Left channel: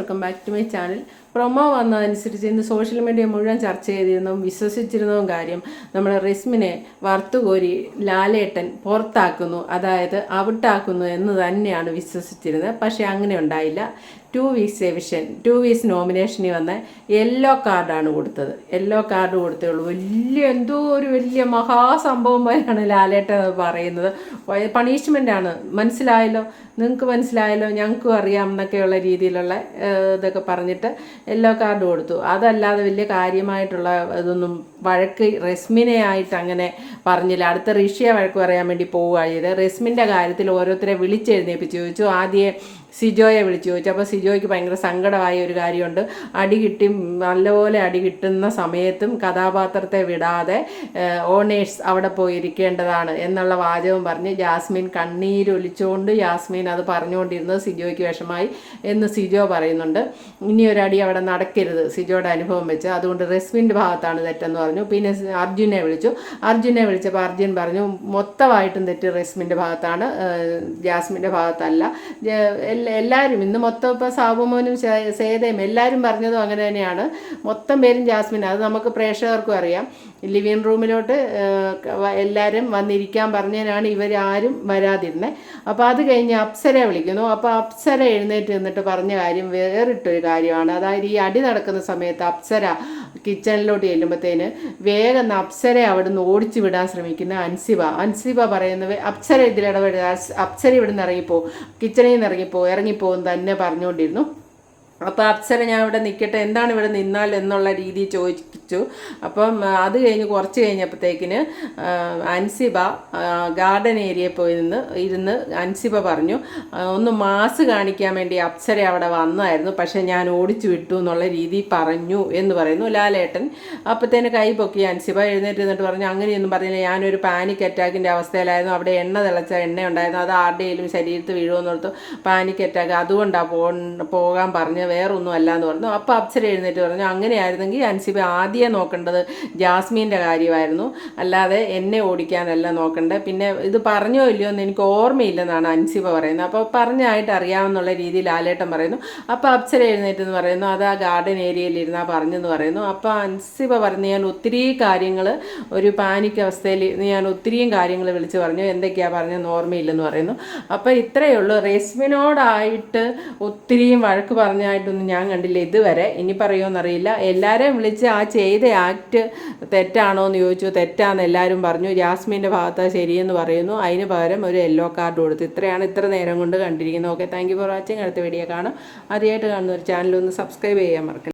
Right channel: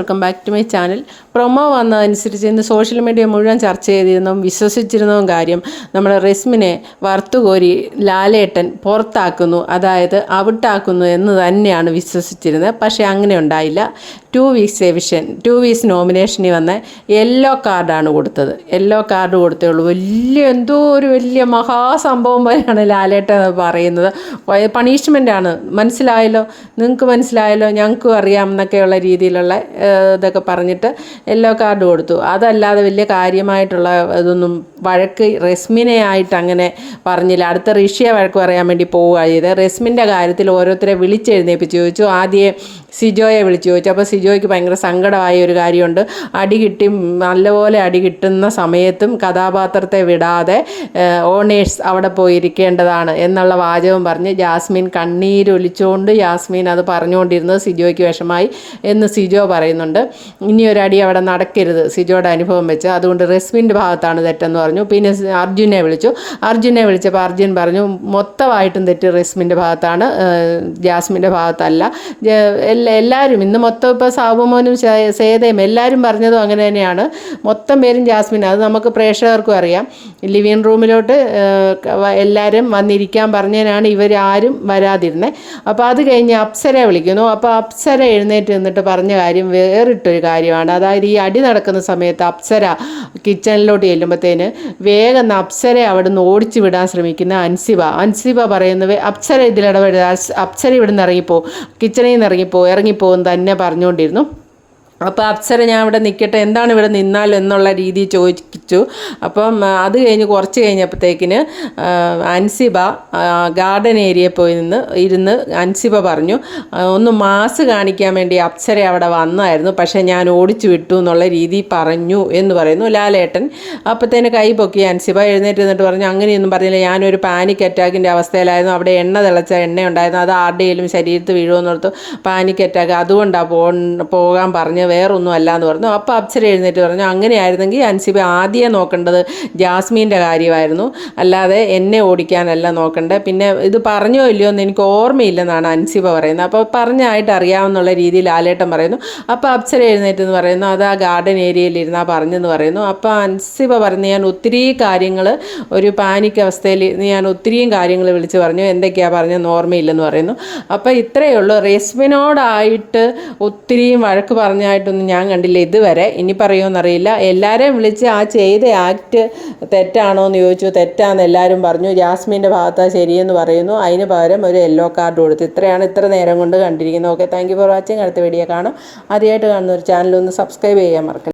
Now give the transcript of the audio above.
Welcome back to my channel. Promo വന്നതനുസരിച്ച് ഇന്ന് social media മുഴുവൻ ചർച്ച ചെയ്തിരുന്നതും വിശ്വസിച്ചിരുന്നതും കാര്യം നമ്മുടെ റെസ്മിനെ വറുത്തുകോരി ലാലേട്ടൻ പുറത്താക്കുന്നു അതായത് ഔട്ടാക്കുന്നു എന്ന് തന്നെയാണ് വിശ്വസിച്ചിരുന്നത്. പക്ഷേ അങ്ങനെ ഉണ്ടായില്ല. Two weeks eviction two weeks നോമിനേഷനിൽ വന്ന യെല്ലോ കാർഡാണ് കൊടുത്തത്. യെല്ലോ കാർഡ് കൊടുത്തേ ഉള്ളൂ. വലിയ എന്തോ ഒരു വലിയ മഹാസംഭവം പോലെയാണ് ലാലേട്ടൻ പറയുന്നത്. പണിഷ്മെന്റാണ് മനസ്സിലായല്ലോ? നിങ്ങൾക്ക് മനസ്സിലായല്ലോ? ഞങ്ങൾക്കും അറിയാം എന്നൊക്കെയുള്ള രീതിയിലുള്ള ഇതൊക്കെ പറഞ്ഞിട്ട് യെല്ലോ കാർഡ് കൊടുത്തു. അതല്ലാതെ വലിയ കാര്യമായിട്ടുള്ള ഇതൊന്നും വഴക്ക് റെസ്മിനെ ആയിട്ട് അങ്ങനെ പറഞ്ഞില്ല. അടുത്ത ഋഷിയെ വഴക്ക് പറയാൻ വേണ്ടി പോവുക ചെയ്ത് റെസ്മിന്റെ കാര്യത്തിൽ ഓരോരുത്തരെ വിളിച്ചെഴുന്നേപ്പിച്ച് ചോദിച്ചു. ആദ്യം സിജോയെ വിളിച്ചു ചോദിച്ചു. അപ്പോൾ സിജോയ്ക്ക് ഭയങ്കര സങ്കടമായ ഒരു കാര്യമുണ്ട്. അടി കിട്ടി നല്ലപോലെ അടി കിട്ടുന്ന സമയത്തും കഥാപാത്രത്തെ വിടാതെ ഓണേഴ്സ് അവിടെ പോയിരിക്കേണ്ടതാണ് എന്നുള്ള വാചകം പറഞ്ഞ് ജാസ്മിൻ കണ്ണീരൊലിച്ചുകൊണ്ട് ജാസ്മിൻ അത് പറഞ്ഞുകൊണ്ടിരുന്നത് സിജോയ്ക്ക് വിഷമായി എന്ന് സിജോ പറയുന്നുണ്ട് ഇനി ഒരടി അവിടെ നടക്കരുത്. സിജോയുടെ അനുഭവം വെച്ച് അതുകൊണ്ട് റെസ്മിന്റെ ഭാഗത്താണ് തെറ്റെന്ന് പറഞ്ഞു. പിന്നെ അർജുനെ വിളിച്ചു. അർജുനെ വിളിച്ചപ്പോൾ അർജുൻ പറഞ്ഞു മൊത്തമായിട്ടും തെറ്റ് റെസ്മിന്റെ ഭാഗത്താണ് ജാസ്മിന്റെ ഭാഗത്തല്ല. എല്ലാവരും ഇന്ന് മൊത്തം ഇപ്പോൾ സാബുമോനും സേതയും എല്ലാവരും പറഞ്ഞതും അങ്ങനെ തന്നെയാണ്. മൊത്തം പേരും ജാസ്മിൻ അത് നമുക്ക് പ്രേക്ഷകർക്കും അറിയാം. ലിവിങ് റൂമിലോട്ട് എല്ലാവരും വന്നിരിക്കാൻ പറഞ്ഞതിനാണ് ഇവരാരും വരാതിരുന്നത് അപ്പോൾ അത് കഴിഞ്ഞ് അപ്സരയെ വിളിക്കുന്നു. അപ്പോൾ അപ്സര എഴുന്നേറ്റ് നിന്നിട്ട് പറഞ്ഞ കാര്യം വേറിട്ടൊരു കാര്യമാണ്. അതായത് ഈ അടി നടക്കുന്ന സമയത്ത് അപ്സര കിച്ചണിലോട്ട് ചെല്ലുമ്പോഴത്തേന് വേഗം അപ്സരയെ അവിടെ നിന്ന് ഓടിച്ചു വിടാൻ ശ്രമിക്കുന്ന അൻസിബ. അൻസിബ പറയുന്നത് അപ്സര ഇതിലിടപെടുക അപ്സര ഇവിടെ നിന്ന് ഇറങ്ങിപ്പോ കിച്ചണിൽ നിന്ന് ഇറങ്ങിപ്പോ ഇറങ്ങിപ്പോകും തന്നെ പറഞ്ഞുകൊണ്ടിരുന്നു. അപ്പോൾ അപ്സര ഞാൻ ഇവിടെ നിൽക്കട്ടെ എന്താണ് ഇവിടെ നിന്നാൽ എന്നുള്ള രീതി രീതിയിൽ ചോദിച്ചു അപ്പം അത് കഴിഞ്ഞ് കുറച്ച് കഴിഞ്ഞപ്പോഴത്തേക്കിന് അൻസിബ ഗാർഡൻ ഏരിയയിൽ പോയി നിന്ന് ഇരുന്ന് അൻസിബ പറഞ്ഞു ഒന്ന് മാസ് കാണിക്കാൻ വേണ്ടി അപ്സര അവിടെ വന്നായിരുന്നു. പക്ഷേ ഞാൻ ഓടിച്ചു വിട്ടു എന്നുള്ള രീതി പറഞ്ഞു എന്ന് പറയുന്നു ലാലേട്ടൻ. അപ്പോഴത്തേന് കൈ പൊക്കി അൻസിബ എഴുന്നേറ്റ് നിന്നിട്ട് പറഞ്ഞു അങ്ങനെയൊന്നും പറഞ്ഞില്ല. ഞാനൊരു പാനിക് അറ്റാക്കിന്റെ അവസ്ഥയിലായിരുന്നു. അവിടെ എണ്ണ തിളച്ച എണ്ണ ഉണ്ടായിരുന്നു. അത് ആരുടെയും ശരീരത്ത് വീഴുമെന്നോർത്ത് പാനിക് അറ്റാക്ക് അതുകൊണ്ടാണ് പോകാൻ പറഞ്ഞ് വേറൊന്നും അല്ല എന്ന് പറഞ്ഞു. അപ്പോൾ അപ്സര എഴുന്നേറ്റ് പറഞ്ഞു അങ്ങനെയായിരുന്നെങ്കിൽ അൻസിബ ആദ്യം നോക്കേണ്ടത് ജാസ്മീന്റെ കാര്യമായിരുന്നു. അല്ലാതെ എന്നെ ഓടിക്കാനല്ല നോക്കണ്ടേ. പിന്നെ ഇത് പറഞ്ഞോ ഇല്ലയോ എന്ന് എനിക്ക് ഓർമ്മയില്ലെന്നാണ് അൻസിബ പറയുന്നത്. അപ്പോൾ പറഞ്ഞായിട്ട് അറിയാമെന്നുള്ള രീതിയിൽ ആലേട്ടൻ പറയുന്നു. അപ്പോൾ അപ്സര എഴുന്നേറ്റ് എന്ന് പറയുന്നു. അത് ആ ഗാർഡൻ ഏരിയയിൽ ഇരുന്നാ പറഞ്ഞെന്ന് പറയുന്നു. അപ്പോൾ അൻസിബ പറഞ്ഞു ഞാൻ ഒത്തിരി കാര്യങ്ങൾ ഒരു പാനിക് അവസ്ഥയിൽ ഞാൻ ഒത്തിരിയും കാര്യങ്ങൾ വിളിച്ച് പറഞ്ഞു. എന്തൊക്കെയാണ് പറഞ്ഞതെന്ന് ഓർമ്മയില്ലെന്ന് പറയുന്നു. അപ്പോൾ ഇത്രയേ ഉള്ളൂ. റെസ്മിനോടായിട്ട് ഒത്തിരിയും വഴക്ക് പറഞ്ഞായിട്ടൊന്നും ഞാൻ കണ്ടില്ല ഇതുവരെ. ഇനി പറയുമെന്നറിയില്ല. എല്ലാവരെയും വിളിച്ച് ആ ചെയ്ത ആക്ട് തെറ്റാണോ എന്ന് ചോദിച്ചു. തെറ്റാന്ന് എല്ലാവരും പറഞ്ഞു. ജാസ്മിന്റെ ഭാഗത്താണ് ശരിയെന്ന് പറയുന്നു. അതിന് പകരം ഒരു യെല്ലോ കാർഡ് കൊടുത്തു. ഇത്രയാണ് ഇത്ര നേരം കൊണ്ട് കണ്ടിരിക്കുന്നത്. Okay thank you for watching അടുത്ത വീഡിയോ കാണും. ആദ്യമായിട്ട് കാണുന്ന ഒരു ചാനൽ ഒന്ന് സബ്സ്ക്രൈബ് ചെയ്യാൻ മറക്കല്ല.